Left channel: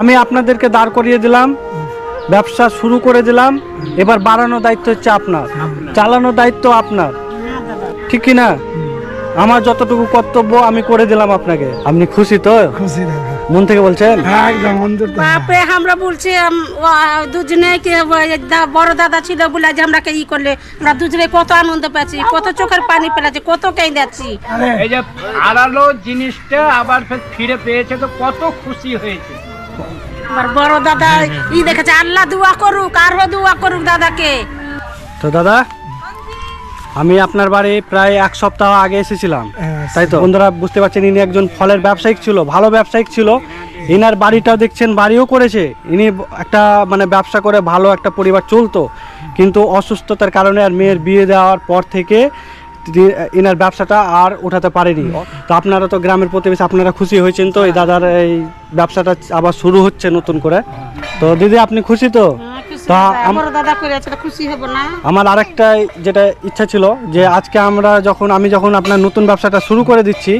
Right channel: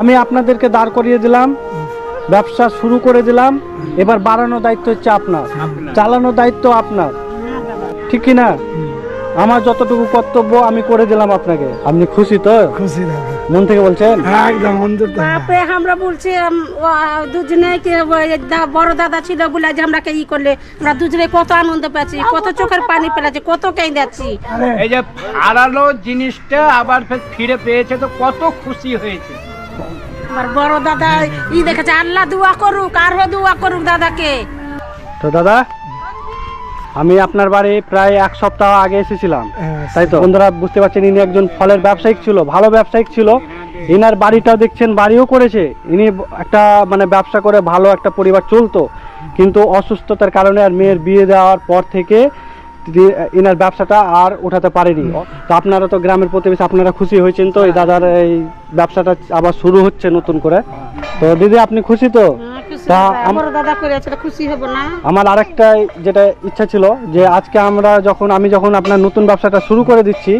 আমি আপনাদেরকে দাঁড় করিয়ে দিলাম, ব্যবসা শুরু করে দিলাম, এবার বাড়ানোর দায়িত্ব হচ্ছে আপনার, চালানোর দায়িত্ব আপনার, ঠিক কি না? আমার যতটুকু কর্তব্য আমি করে দিলাম আপনাকে। আপনি খুশি তো? খুশি দাদা, মন থেকে বলছেন? হ্যাঁ একদম অন্তর থেকে। বাপে আমরা বলছি দুজনে বড় দাদা ছিল বলে যে আমরা ই করলে আমরা দুজনে কত আনন্দ পাচ্ছি, কত চোখের পানি পেলাচ্ছি, কত কেঁদেছি। এই যে হারালো জিনিসটা আবার ফিরে পেয়েছে তো কত খুশি হয়েছে। আমার বড় দাদা দেখেছে, আল্লাহ দোয়া করুক, আরো দোয়া করুক দাদাকে। তো দাদা, আমি আপনার বাড়ি প্রায় এক সপ্তাহ আগে এসেছিলাম, তাই তো? বন্ধুরা বুঝতে পারছেন, ইনি একজন ফলের ব্যবসায়িক ছিল, ভালো ব্যবসায়িক ছিল। ইনার বাড়িটাও দেখছেন, বাড়িও করেছে। ইনি একটা মানে ব্যবসা করে ভালো একটা পরিবার চলতো, কিন্তু অসুস্থতার কারণে আর মেয়ের বিয়ে দেওয়ার পর থেকে ইনার ব্যবসাটা আর উঠাতে পারেনি। তো আপনারা তো গ্রামের প্রতিবেশী, আপনারা খুশি হয়েছেন তো এই দাদার এই ব্যবসাটা আবার শুরু হচ্ছে নতুন করে। তো দিদি আপনি খুশি তো? আমার আরেকটা যেটা ইচ্ছা ছিল যে আজকে আমি যখন আপনার নতুন ব্যবসাটা শুরু করে দিচ্ছি,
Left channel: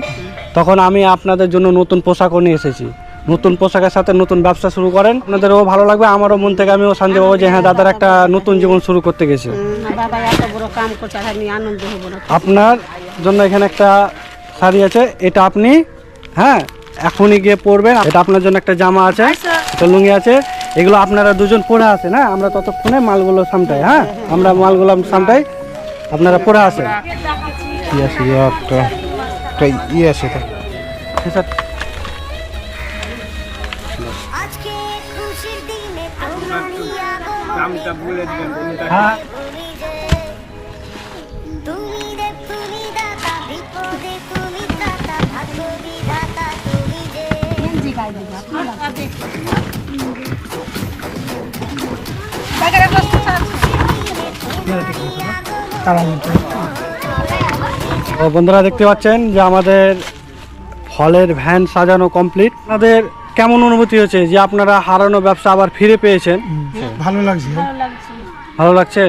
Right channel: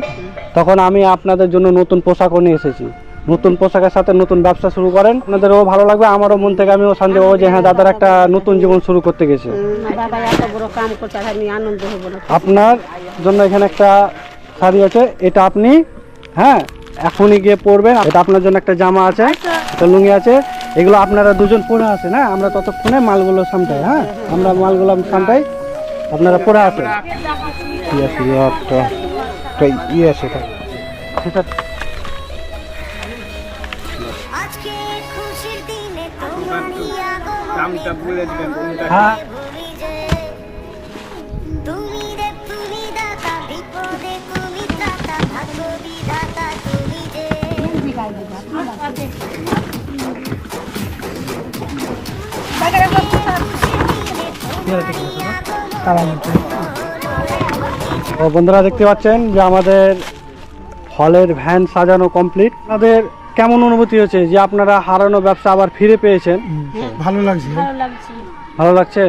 তখন আমি আপনাদের জন্য নতুন পোশাকও নিয়ে এসেছি। নতুন পোশাকের সাথে নতুন ব্যবসা শুরু করেন, আপনাদেরও ভালো লাগবে, আমারও মন থেকে আমিও শান্তি পাবো যে হ্যাঁ দাদার একটা নতুন জীবন শুরু করতে গেছে। আপনার জন্য এখানে একটা শাড়ি আছে, এটা আপনি হ্যাঁ এখনই গিয়ে পরবেন। এটা আপনার জন্য একটা জামা আছে, একটা লুঙ্গি আছে, এগুলো আপনারা দুজন পরে আসেন। হ্যাঁ, আমরা ততক্ষণে মালগুলো সামটাই। হ্যাঁ, আমরা মালগুলো সামটাই, আপনারা পরে আসেন। হ্যাঁ, বন্ধুরা দেখতে পাচ্ছেন যে আমাদের ফলের ভ্যান সাজানো কমপ্লিট। আপনাদের কেমন অনুভূতি হচ্ছে যে আপনারা হারানো ব্যবসা আবার ফিরে পেয়েছেন? ভালো লাগছে, ভালো লাগছে।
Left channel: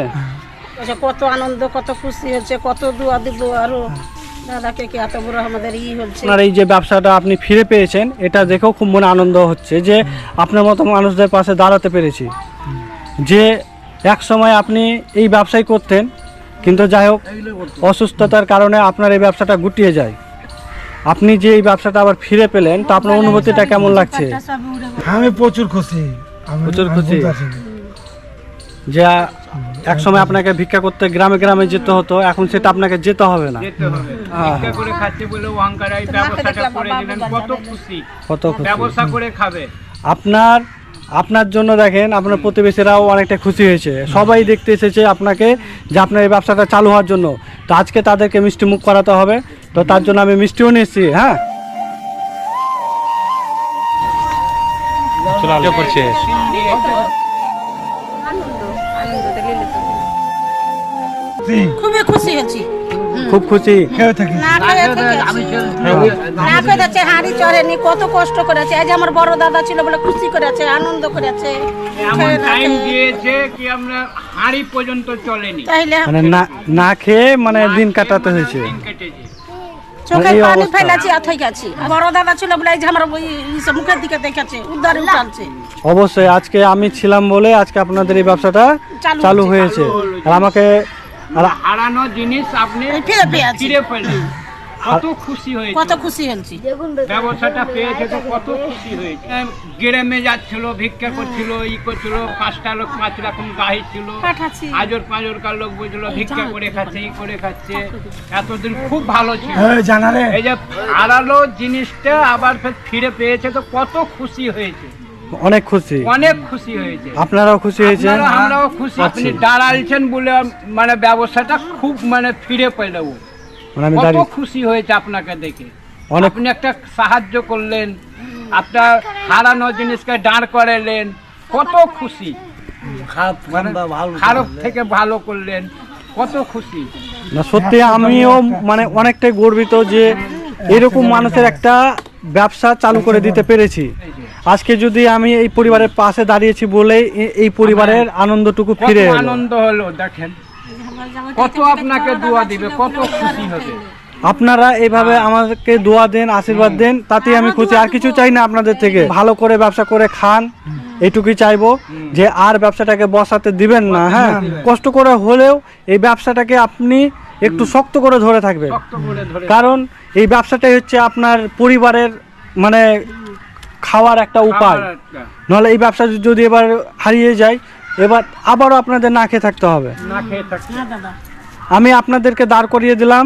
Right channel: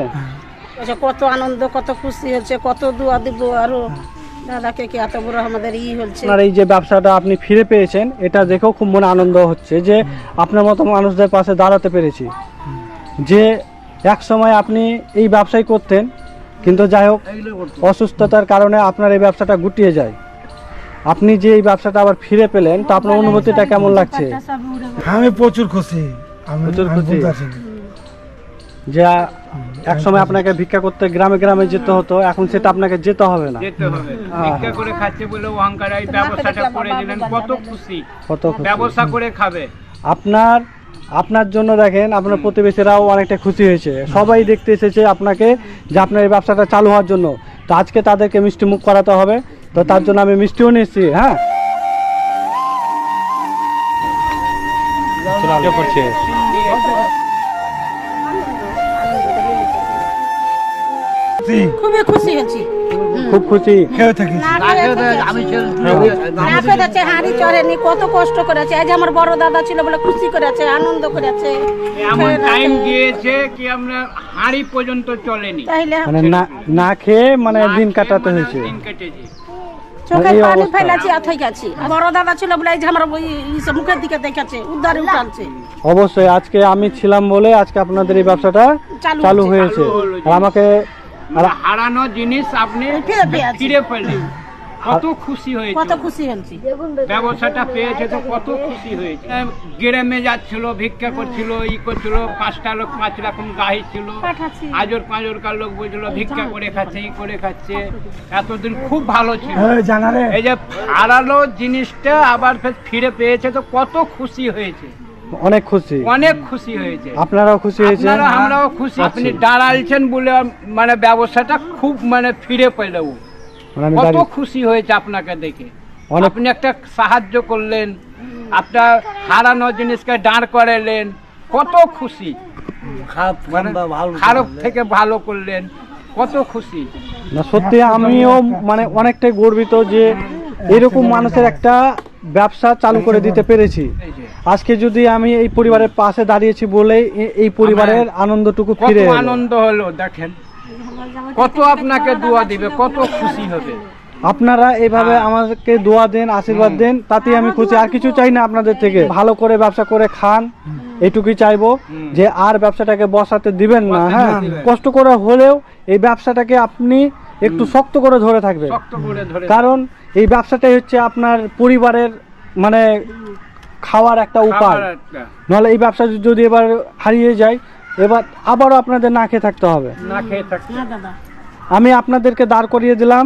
কত আনন্দ, কত খুশি হচ্ছে, কত দোয়া দিব আরো দাদাকে, কি এত বড় আমাদের হচ্ছে। আপনার এই যে ব্যবসাটা আপনি ফিরে পেয়েছেন, এটা দেখেও খুব মনে আনন্দ হচ্ছে যে আপনার মতো মানুষদের পাশে দাঁড়াতে পেরেছি। যে এক সময় আপনি এই ব্যবসাই করতেন, কিন্তু যাই হোক অসুস্থতার কারণে আপনার এই ব্যবসাটা গুটিয়ে যায়। আপনি যে এই ব্যবসাটা আবার ফিরে পেলেন, তো আপনার অনুভূতিটা কেমন লাগছে? আমি প্রচুর খুশি, প্রচুর খুশি। যে এক সময় আপনাকে ভিক্ষা করতে গ্রামে গ্রামে যেতে হতো, এখন সেটা আপনাকে যেতে হবে না। ভিক্ষা করে খাচ্ছে বলে অহংকার, এই ব্যবসাটা করে দিলেন, কত খুশি, কত খুশি। ব্যবসা করে খাবে। আপনার জন্য দেখেন আপনার প্রতিবেশীরাও অনেকটা খুশি হয়েছে, সবাই দেখতে এসেছে আপনাকে যে আপনার এই ব্যবসাটা চালু হওয়ার জন্য। তো আজকে তাদেরকে মিষ্টি মুখ করাতে হবে, তো তার জন্য আমি মিষ্টিও নিয়ে এসেছি। হ্যাঁ, খুবই খুশি হয়েছি, খুব খুশি। হাঁড়ি চড়েনি, কত কষ্ট করেছে। আজ আমার বড় দাদা ছিল বলে খুশি করেছে, আনন্দ করেছে। এমন টাইম দিয়েছে কি আমরা হাঁড়ি পর্যন্ত চলেনি, মানে না খেয়ে মানে দিন কাটাতে হয়েছে, দিন কেটেছে। চোখের পানি ফেলেছি আথই গেছি। বড় দাদা ছিল বলে এই যে আমার মুখের দিকে দেখেছে, উদ্ধারে উঠালছে। অবশ্যই আজকে আমি ছিলাম বলে আজকে আপনাদের এই ব্যবসাটা চালু হয়েছে। আর আমাকে হারানো জিনিস আপনি ফিরে পেলেন, কত খুশি হয়েছে, কত খুশি হয়েছি। ব্যবসাটা পেয়েছে তো কত খুশি হয়েছে। গ্রামে যাচ্ছিল, ভিক্ষা করছিল, করছিল, 5টা লোক 5 রকম গাহি ছিল, আজর পাঁজরকার লোক বুঝলো ভিক্ষা করে খাচ্ছে, করে খাচ্ছে। এতদিন খুব ভালো ছিল। এই যে হারালো জিনিসটা আবার ফিরে পেয়েছে তো কত খুশি হয়েছে, অনেক খুশি, অনেক খুশি হয়েছে। আপনারাও খুশি হয়েছে, আমরাও খুশি। আপনি দাঁড়ালছেন বলে মানে ব্যবসাটা খুব মানে ফিরে পেলেও কত খুশি হয়েছে আপনাকে দেখে। আপনি একটা সাহায্য করলেন, আপনার হারানো জিনিসকে দাঁড় করালেন, কত খুশি। খারাপ থেকে ভালো করলেন, কত খুশি। না সত্যি আমিও মানে অনেকটাই গর্বিত যে এরকম মানুষের একটা ব্যবসা চালু করে দিতে পেরেছি। আজকে যদি আমি এই পরিবারের পাশে দাঁড়িয়েছি বলে এই পরিবারের আনন্দটুকু ফিরে আনন্দ হলো। দেখেন কত আপনাকে দোয়া দিবে, কত খুশি হবে। আপনারা এইভাবে আমাকে দোয়া দেন, আশীর্বাদ দেন, তাতেই আমি খুশি। আর কিছু চাই না আপনাদের থেকে। ভালো করে ব্যবসা করে খান, এইটুকুই চাইবো। যে আর ব্যবসাটাকে বসাতে দিবেন না। হ্যাঁ, কষ্ট করে হলেও এই ব্যবসাটাকে আপনি একটু শক্ত করে ধরে থাকবেন, শক্ত করে ধরে কারণ এই ব্যবসাটাই হচ্ছে আপনার পরিবারের মানে খাওয়ার একটা উপায়। খাবার একটা, নাহলে এই ব্যবসা যদি এবার হারিয়ে যায়, এবার আবারও আপনাদের না খেয়ে থাকতে হবে। না খেয়ে থাকতে না দাদা, আমি আপনাদেরকে দাঁড় করিয়ে দিলাম,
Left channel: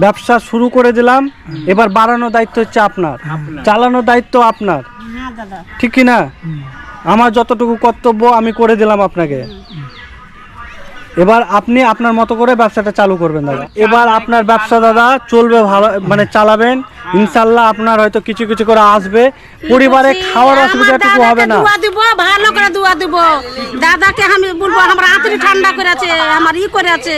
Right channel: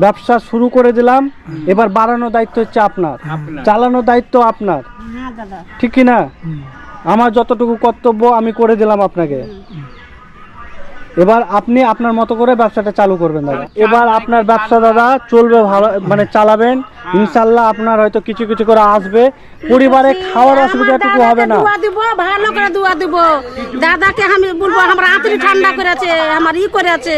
ব্যবসা শুরু করে দিলাম, এবার বাড়ানোর দায়িত্ব হচ্ছে আপনার, চালানোর দায়িত্ব আপনার, না দাদা, ঠিক কি না? আমার যতটুকু কর্তব্য আমি করে দিলাম আপনাকে। এবার আপনি আপনার মতো করে ব্যবসাটা চালু করবেন দাদা। এবার আপনার ব্যবসা দাদা চলবে ভালো, মানে চালাবেন ইনশাল্লাহ। আপনার হয়তো কিছু কিছু করে আসবে, পরিবারে খাওয়ার অসুবিধাটুকু হবে না। দোয়া দিব, ভালো করে দোয়া দিব। দাদাকে আমি বলবো আমার আঁতরি ঠান্ডা করেছে, আমার ই করেছে।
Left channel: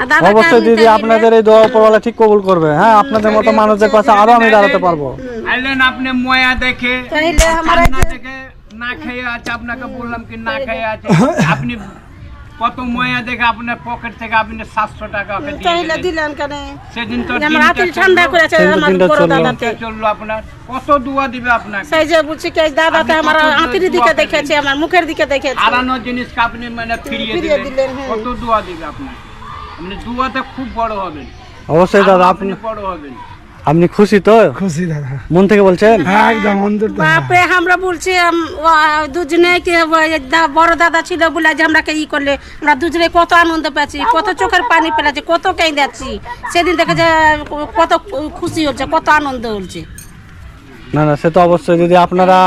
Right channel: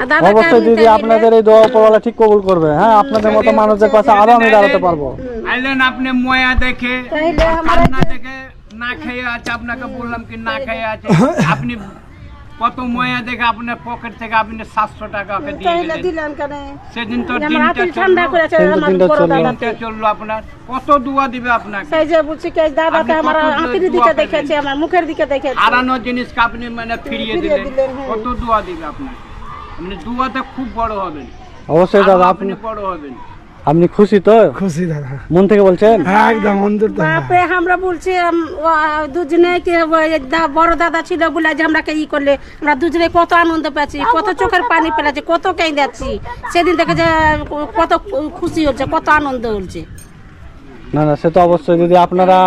আর দাদাকে অবশ্যই আমি দিদি, চাইলে- আপনাদের এই দোয়া উপরওয়ালা ঠিক কবুল করবে। হ্যাঁ, আপনাদের মতো মানুষদের পাশে আরো আমি দাঁড়াতে পারবো। আইলেন আপনি ময়া দেখে, তাইলে আমার না দেখে না খেয়ে আছে। আপনাকে বললাম কি না খেয়ে আছে, আপনি কত ময়া দেখে আপনার পকেট থেকে আপনি 700 টাকা ওকে দিয়ে তাইলে দিলেন। দিলেন কেন? সেদিন তো আমার দিনটা আঁতরি ঠান্ডা চললো, করেছে সেদিন আমার দিনটা বড় চললো। দাদাকে। দিনটা চললো আপনার, কত দোয়া দিবে আপনাকে। সেই যে বলছি কি দাদাকে আপনি আমার কত আঁতরি দোয়া দিকে পেলেন? দেখেছে, আমার মুখের দিকে দেখেছে। হারানো জিনিসকে আপনি মানে ফিরিয়ে ফিরিয়ে দিলেন, দিলেন, হ্যাঁ। কত দোয়া দিবে আপনাকে। আপনি দোয়াতে খুব বড় হবেন, অবশ্যই আরো দাদা, আপনি আপনি বড় হবেন। আপনি খুশি তো? খুশি দাদা, মন থেকে বলছেন? হ্যাঁ একদম অন্তর থেকে। বাপরে আমরা বলছি দুজনে বড় দাদা ছিল বলে যে আমরাকে ই করলে আমরা দুজনে কত আনন্দ পাচ্ছি, কত চোখের পানি পেলাচ্ছি, কত কাঁদাচ্ছি। সেদিন দেখে যে কত খুশি হচ্ছে, কত আনন্দ হচ্ছে। না না, সে তো অবশ্যই দিদি। আপনারা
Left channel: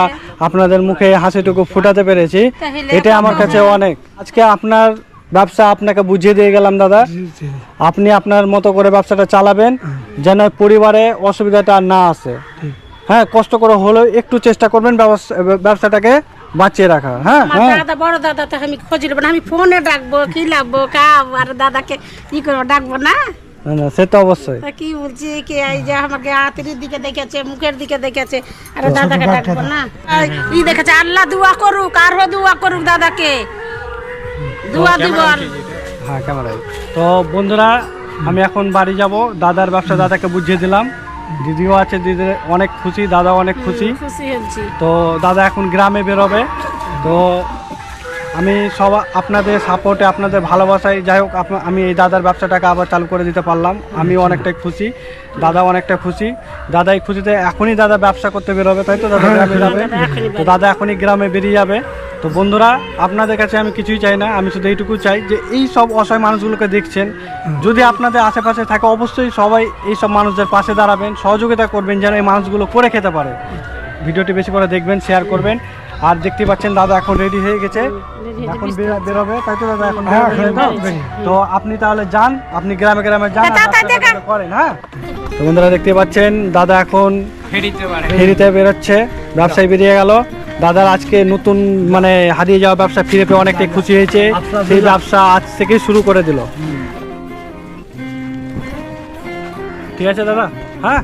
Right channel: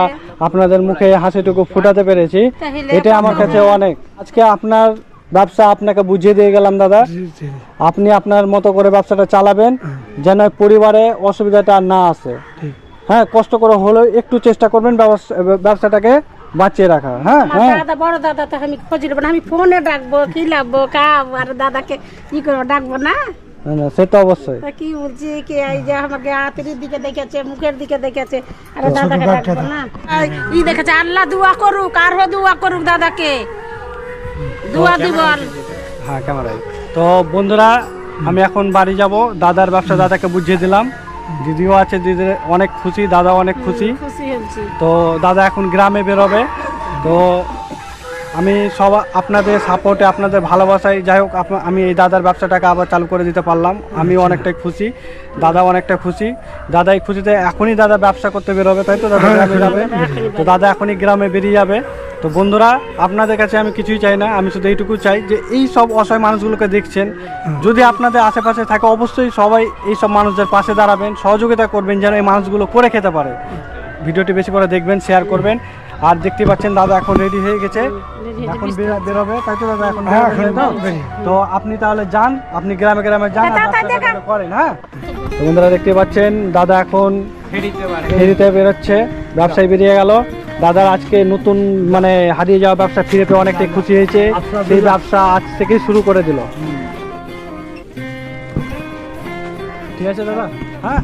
আপনাদের মুখে হাসিটুকু ফুটাতে পেরেছি, তাহলে এটা আমার কাছে অনেক। আজকে আপনার ব্যবসা আপনাকে বুঝিয়ে দিয়ে গেলাম দাদা। জি, জি। আপনি আপনার মতো করে ব্যবসাটা চালাবেন, যেন পরিবারে অসুবিধাটা আর না আসে। ঠিক। হ্যাঁ, কষ্ট করে হলেও একটু চেষ্টা করবেন ব্যবসাটাকে বাঁচিয়ে রাখা। হ্যাঁ আমার হ্যাঁ, দাদা বড় দাদা তো আমি খোঁজ নেবো না, আমি ফোনে ডাকবো, কি লাগবো কাব আর দাদাকে ই করবো, ডাকবো না। না না, সে তো অবশ্যই। তা কি বলছি কি এই যে আমাকে আতির দিকে দেখেছে, মুখের দিকে দেখেছে, আর ছোট দাদাকে বাচ্চা ডাকবো না। ই দেখেছে, আল্লাহ দোয়া করুক, আরো দোয়া করুক দাদাকে, দোয়া দিব। হ্যাঁ, ক্যামেরায়। তো বন্ধুরা, আমি এখন বাড়ি যাব। দাদার ব্যবসা দাদাকে বুঝিয়ে দিলাম, দিদিও আছে, দিদি অনেক খুশি, দাদাও অনেক খুশি। খুশি হয়েছি। তো দাদা এখন গ্রামে বেরোবে। তো আমি সব আপনাদের সাপোর্টে, আপনাদের ভালোবাসায়, যাই হোক আমি এই দাদার ব্যবসাটাকে আবার চালু করে দিতে পারলাম। আমি অনেকটাই খুশি, দাদা অনেকটা খুশি। দাদা এই খুশিতে এখনই দাদা ব্যবসা করতে বেরোবে, তাই তো দাদা গ্রামে যাবে। তো দাদা এখনই গ্রামে বেরিয়ে যাবে। তো বন্ধুরা, আপনাদের কাছে আমি কিছুই চাই না, আমি শুধু এইটুকু চাই যে এই সব অসহায় মানুষগুলোকে দেখছেন, যদি আপনাদের আশেপাশে থাকে অবশ্যই সবাই এই সব মানুষদের পাশে দাঁড়াবেন, সহযোগিতা করবেন যেন এই মানুষগুলো করে খেতে পারে। ভিডিওটি বেশি করে দেখবেন, শেয়ার করবেন। আর দেখতে পাচ্ছেন দাদা এখন রেডি হয়ে গেছে, এখন বেরোবে, তাই তো দাদা? এখন হ্যাঁ, বেরোবে, এখন তাই তো? বেরিয়ে। তো আপনি তাহলে যান, আপনি গ্রামে গ্রামে যান, আর ব্যবসা করেন। হ্যাঁ, তো বন্ধুরা দেখতে পাচ্ছেন দাদা এখন ফেরিতে পারে। ফেরিতে বেরোচ্ছে, ব্যবসায় বেরিয়ে গেল। দাদার আজকে নতুন মানে হারিয়ে যাওয়া ব্যবসা ফিরে পেয়ে অনেকটাই খুশি হয়েছে। সেই ব্যবসা আজ থেকেই শুরু করে দিল। ঠিক আছে দাদা, হ্যাঁ।